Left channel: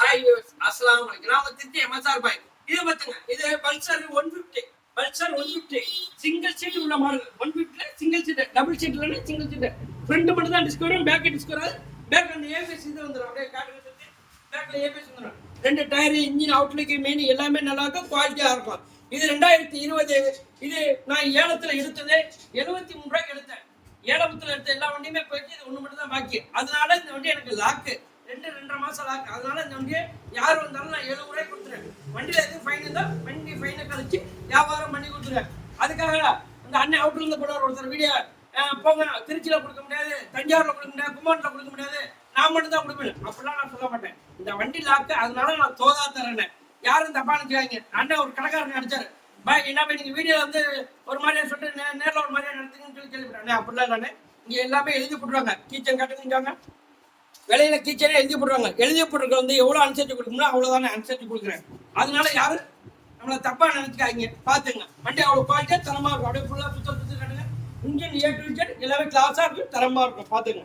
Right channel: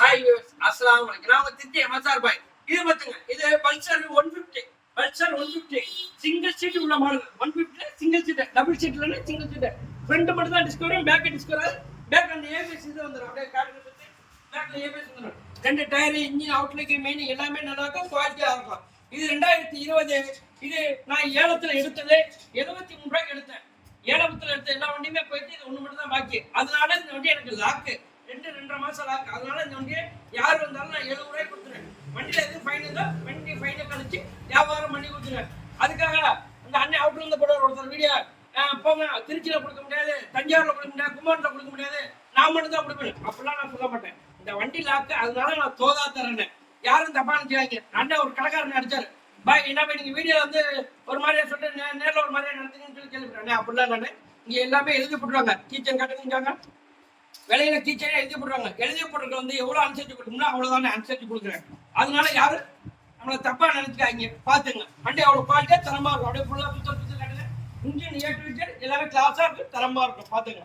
Hi viewers, அஸ்ஸலாமு அலைக்கும். நான் உங்க திருச்சி எம்எஸ்ஆர் பாய். இது பாத்துங்க, இது பல்சர் 150 பல்சர் 150 சிங்கிள் சீட் உள்ள மாடல். 150 சிங்கிள் சீட், டபுள் சீட் இல்ல, சிங்கிள் சீட். ஃப்ரண்ட் மட்டும் தான் டிஸ்கவர், பேக் டிஸ்கவர். பேக் அந்த ஏபிஎஸ் இது வந்துரும். அப்படியே கார்டு வந்து பேக்ல ஏபிஎஸ் வந்துரும். ரெண்டு டயர், இன்ஜின், அவுட்லுக், மெயின் எல்லாமே நல்லா இருக்கும், குவாலிட்டியா இருக்கும். இது 2020. இது நான் ஏலத்துல எடுத்ததே 73 ரூபாய்க்கு எடுத்தேன். ஏலத்துல எடுத்த எல்லா வண்டியுமே போயிட்டு இது ஒண்ணு மட்டும் தான் பாக்கி. அதனால இந்த வண்டி எனக்கு லாக்கு 2-2.5 மாசம் லாக்கு. அதனால இந்த வண்டியை யார் வந்தாலும் நான் 70 ரூபாய்க்கு கொடுத்துருவேன். வண்டியில எதுவும் ஃபைன் இருந்தா வண்டி ஃபைனை கழிச்சு வியாபாரம் பண்ணி கொடுத்துருவேன். அதுக்காக இந்த அண்ணன் அவுட்ல இருந்து போட ஒருத்தர் வீடியோ போங்க, திருச்சியில கொடுக்க முடியாது, தஞ்சாவூர்ல கொடுக்க முடியாது, கும்பகோணத்துல கொடுக்க முடியாது, நான் மட்டும் தான் கொடுப்பேன். அப்படிலாம் நான் சொல்ல மாட்டேன். இந்த வண்டி லாக்கு, அதனால நான் தோதா தரேன். யாரும் தப்பா நினைச்சாங்க. அண்ணன் ஒரு கடைக்காரன் அடிச்சாரு, பாய் என்ன போய் நீங்க வீடியோ வந்து ஒரு மாதிரியா சொல்லிட்டு நேரில் ஒரு மாதிரியா நடத்துங்கன்னு சொல்லி கேள்விப்பட்டேன். அப்படிலாம் இல்லைன்னு இங்க எல்லாமே எழுதி போட்டுருவாங்க. கீச்சன் கட்டுங்க, விலையில கீச்சனே எழுதி போடுறாங்க. எழுதி போடுறது வந்து எவ்வளவு அனுசரிச்சு கொடுக்கணும் அவ்வளவுதானே அனுசரிச்சு கொடுக்குறேன். அதனால யாரும் நம்மளை தப்பா நினைச்சுக்காங்க. பாத்துங்க, வண்டி அவ்வளவு குவாலிட்டியா தரமா இருக்கும். அப்படியே ஃபுல்லா சுத்தம் கட்டுங்க. இன்ஜின் ஏ டு இசட் எல்லாமே கிளாஸா இருக்கு, தரமா இருக்கும். பாத்துங்க.